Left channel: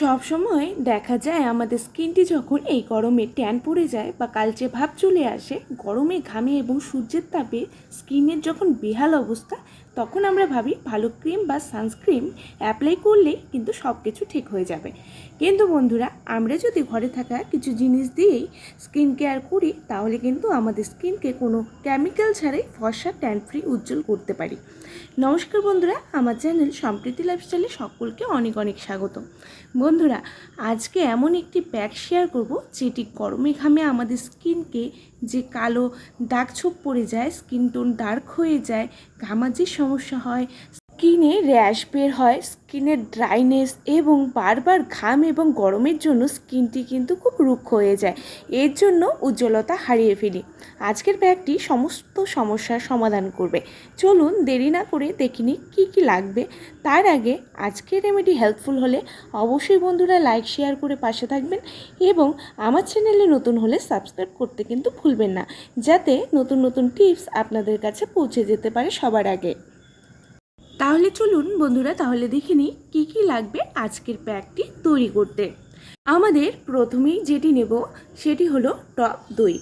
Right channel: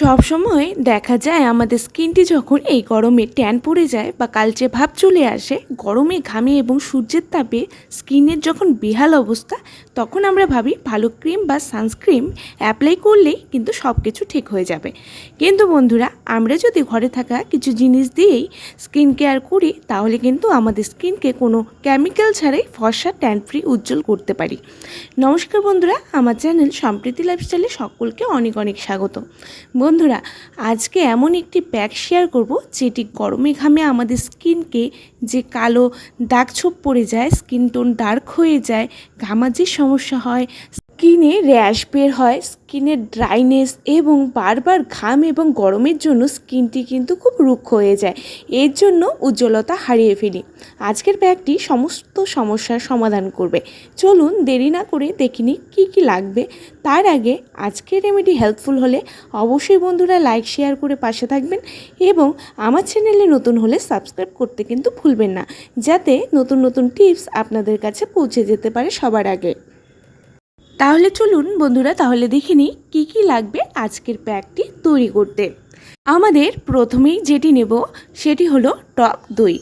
সবসময় দেখা যায় আমাদের স্কিনটি যখন এই গরমে ট্যান পড়ে যায় বা কালচে ভাব চলে আসে, গরমে ঘামে এবং সূর্যের তাপে স্কিনের যখন বেহাল অবস্থা, তখন আমরা ভাবি ভালো ক্রিম বা সানস্ক্রিম অ্যাপ্লাই করলেই কিন্তু সব কিছু ঠিক হয়ে যাবে। কিন্তু বন্ধুরা, আমরা যদি ঘরে থাকা কিছু জিনিস দিয়েই স্কিন কেয়ার করি, তাহলে কিন্তু আমাদের স্কিনকে কোনো কেমিক্যাল ছাড়াই ফর্সা ট্যান ফ্রি উজ্জ্বল করতে পারি। নমস্কার বন্ধুরা, আমার চ্যানেল সম্প্রীতি লাইফস্টাইলে সকলকে অনেক অনেক স্বাগত। বন্ধুরা, আজকে এমন একটি প্যাক শেয়ার করব যেটি গরমে ঘামে আমাদের স্কিনকে যে কালো দাগ ছোপ পড়ে যায় স্কিন টোন ডার্ক হয়ে যায় ঘামাজির সমস্যা হয় স্কিনে র্যাশ বের হয় স্কিনের ড্রাইনেস এবং বারবার ঘাম এবং গরমের জন্য স্কিনটি কিন্তু খুব রুক্ষ হয়ে যায়। এর জন্য উজ্জ্বলতা হারিয়ে ফেলি। আজকের ব্যাগটি সমস্ত সমস্যার সমাধান করবে। চলুন দেরি না করে দেখিনি কী কী লাগবে। তার আগে আজকের রেমেডি হেল্পফুল হলে অবশ্যই বন্ধুরা লাইক, শেয়ার করে পাশে থাকবেন এবং আমার চ্যানেলে নতুন হলে সাবস্ক্রাইব করতে কিন্তু ভুলবেন না, যাতে নতুন নতুন টিপস আপনাদের কাছে পৌঁছে যেতে পারে সবার আগে। তাহলে চলুন বন্ধুরা, তাহলে দেখে নিই কী কী লাগবে আজকের প্যাকটি তৈরি করতে। আমাদের প্রথমেই যেটি নেব সেটি হলো টক দই।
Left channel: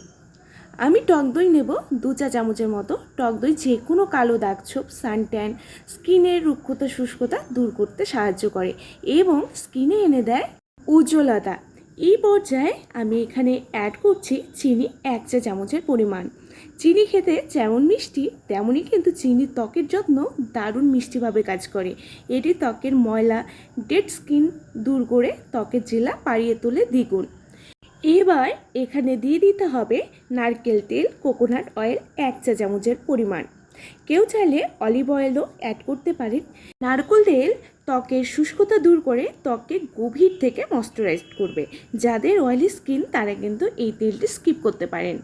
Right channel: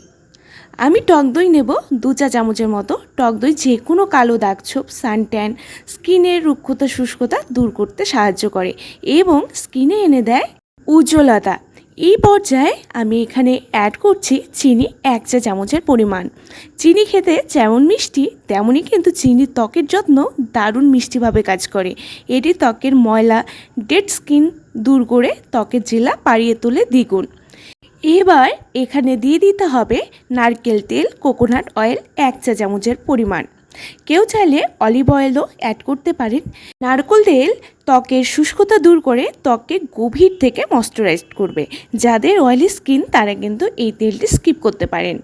আমি টক দই নেব দু চা চামচের মতো। টক দই যে কোনো কালো দাগ ছোপ, সানট্যান স্কিনের রুক্ষতা, শুষ্কতা দূর করতে সাহায্য করে এবং স্কিনে এনে দেয় উজ্জ্বলতা। এই পর্যায়ে আমি এখানে অ্যাড করছি চিনি এক চা চামচের পরিমাণ। চিনি খেতে যেমন মিষ্টি, তেমনই কিন্তু চিনি ত্বকের যত্ন দারুণ মিষ্টিভাবে কাজ করে। এটি ত্বকের ময়লা ডেড স্কিন দূর করে ত্বকের জেলা পাড়িয়ে তোলে দ্বিগুণ। এবার এখানে দিয়ে দিতে হবে নারকেল তেল কোকোনাট অয়েল এক চা চামচের পরিমাণ। কেউ চাইলে অলিভ অয়েলও অ্যাড করতে পারেন। নারকেল তেল ত্বকের শুষ্কতা দূর করে ত্বককে গভীর থেকে ময়শ্চারাইজ করবে। যাদের অয়েলি স্কিন তারা কিন্তু এই তেলটি স্কিপ করতে পারেন।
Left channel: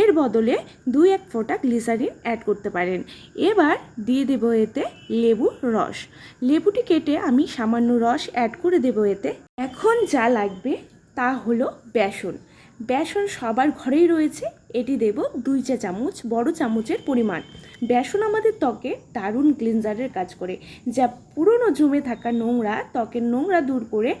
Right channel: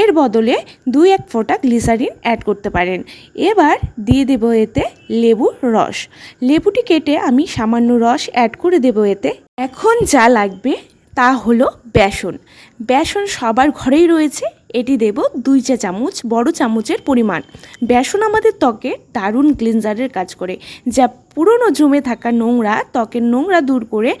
এর বদলে দুই এক ফোঁটা গ্লিসারিন অ্যাড করতে পারেন। এবার দিয়ে দেবো এতে লেবুর রস। লেবুটি কেটে আমি সামান্য রস অ্যাড করে দেবো এতে। এখন যা লাগবে তা হলো বেসন। বেসন সবার ঘরেই রয়েছে। এটি দেব দুই চা চামচ, বড় চামচের পরিমাণ। বেসন আমাদের ত্বকে দারুণ ক্লিনজারের কাজ করে। যা পুরনো জমে থাকা নোংরা, ত্বকের নোংরা দূর করে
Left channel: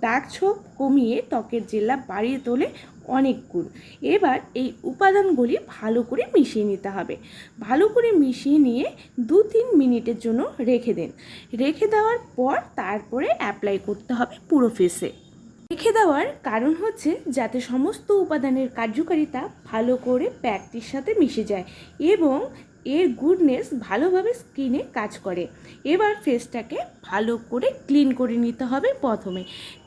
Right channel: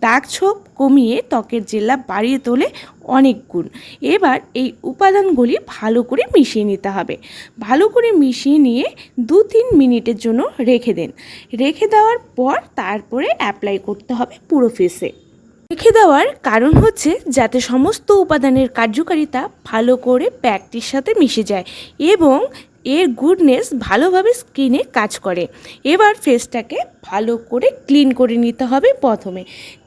দাগ ছোপ কমিয়ে ত্বকের জেলা বাড়িয়ে তোলে অনেক গুণ। এবার এই উপাদানগুলি ভালো করে মিশিয়ে নিতে হবে। ভালো করে মিশিয়ে নিয়ে দু তিন মিনিটের জন্য রেখে দেন। রেখে দেওয়ার পর তারপরে অ্যাপ্লাই করতে হবে পুরো ফেসে রেখে দেওয়ার কারণ হচ্ছে যাতে সমস্ত উপাদানের কার্যকারিতা ভালো করে প্যাকটির সাথে মিশে যায় এবং এর গুডনেস ভালোভাবে স্কিনে কাজ করে। এবার ফেসটাকে ভালো করে ক্লিন করে নিতে হবে প্রথমে।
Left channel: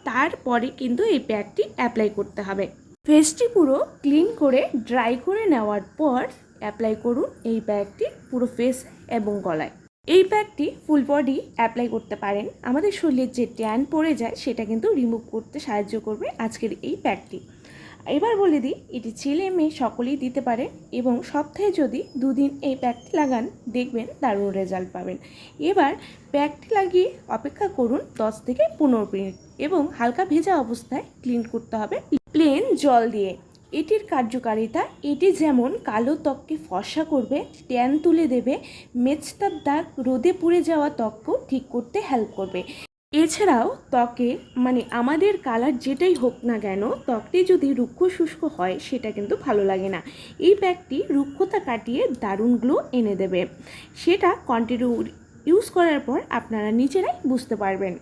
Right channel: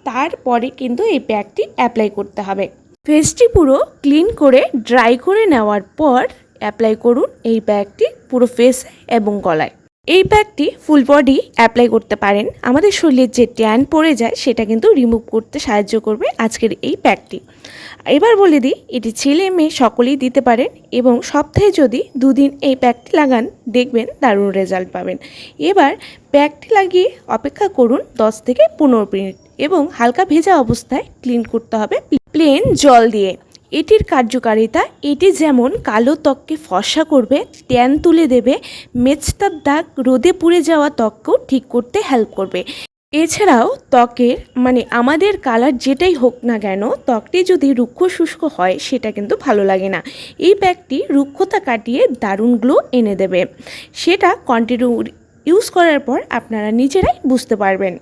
তারপরে কিন্তু এই প্যাকটি অ্যাপ্লাই করতে হবে। ফেসটি পুরো ক্লিন করে ড্রাই করে নেওয়ার পর অ্যাপ্লাই করুন এই প্যাকটি পুরো ফেস এবং গলায়। এই প্যাকটি ফুল বডি অ্যাপ্লাই করতে পারেন। আমাদের শরীরের যে ট্যান পড়ে যায়, সেটা কিন্তু রিমুভ করতে সাহায্য করবে আজকের এই প্যাকটি এবার বলে দিই, এটি ছেলে মেয়ে সকলেই দিতে পারেন এবং সপ্তাহে যদি দুদিন এই প্যাকটি লাগান, দেখবেন দারুণ রেজাল্ট পাবেন। এবার প্যাকটি লাগিয়ে অপেক্ষা করুন দশ থেকে পনেরো মিনিট এবং হালকা ভেজা অবস্থায় ক্লিন করতে হবে। প্লেন জল দিয়ে। এটির কার্যকারিতা, এটি যেমন কালো ত্বককে ফর্সা করবে, ট্যান তুলে দেবে মেচতার দাগ রোদে পুড়ে যাওয়া ত্বককেও ঠিক করতে হেল্প করবে। এছাড়াও ত্বকের মানে আমাদের কালার যেটাই হোক না কেন, ত্বকটি যদি রুক্ষ শুষ্ক হয়, সেটা কিন্তু ভালো লাগে না। এই প্যাকটি রুক্ষতা কাটিয়ে দারুণ গ্লো এনে দেবে। সেটা কন্টিনিউ ইউজ করার পর আপনারা নিজেরাই বুঝতে পারবেন।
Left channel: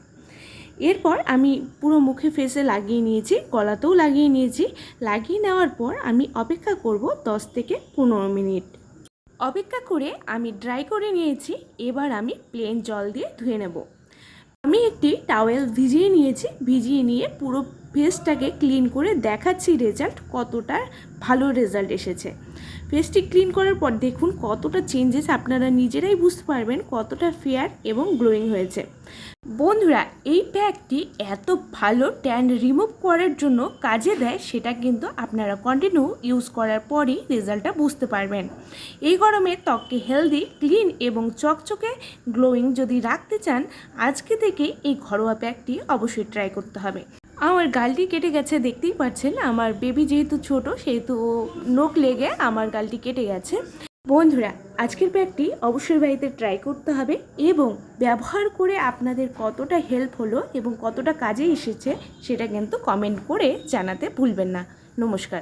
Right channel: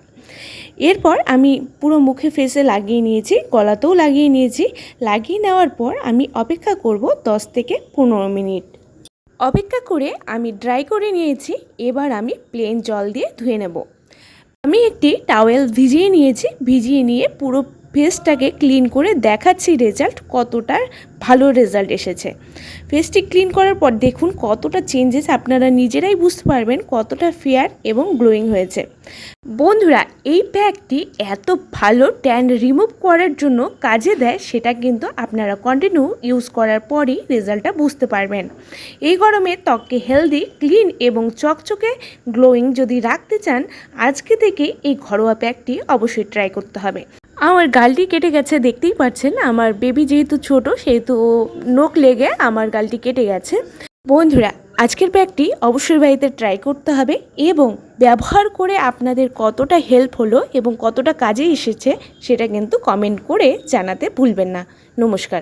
এরপর আমি পুরো মুখে ফেসে লাগিয়ে নিয়েছি, গলাতেও লাগিয়ে নিয়েছি। লাগিয়ে নেওয়ার পর আমি অপেক্ষা করব দশ থেকে পনেরো মিনিট। অপেক্ষা করে আমি ড্রাই করে নিয়েছি, এবার আমি প্লেন জল দিয়ে ধুয়ে নেব। আমি একটি টাওয়েল ভিজিয়ে নিয়েছি, ভিজিয়ে নিয়ে পুরো ফেসটাকে ক্লিন করে দেখাচ্ছি রেজাল্ট কতটা ভালো রেজাল্ট এসেছে। ফেসটি ক্লিন করার পর দেখুন কতটা চেঞ্জেস আপনারা নিজেরাই বুঝতে পারবেন কতটা ফেয়ার এবং গ্লোয়িং হয়েছে। বন্ধুরা, এই প্যাকটি এত ভালো ট্যান রিমুভ করার জন্য কাজে দেয় সেটা কিন্তু আপনারা কন্টিনিউ ইউজ করার পরই রেজাল্টটা বুঝতে পারবেন। এই গরমে ত্বককে হেলদি, ক্লিন এবং চকচকে গ্লোয়িং যদি রাখতে চান, আজকে থেকে এই ঘরোয়া প্যাকটি অবশ্যই ট্রাই করতে হবে। আমার গালটি কেটে গেছে, দেখতেই পাচ্ছেন আমার বেবি যেহেতু ছোট, সেহেতু নোক লেগে আমার গালটি কেটে গেছে। বন্ধুরা, আজকের ব্যাগটি অবশ্যই বাড়িতে ট্রাই করতে হবে এবং ব্যবহার করে আপনাদের কতটা হেল্প হলো এবং কতটা কাজে এসেছে, সেটা কিন্তু কমেন্ট করে জানাতে ভুলবেন না। নমস্কার।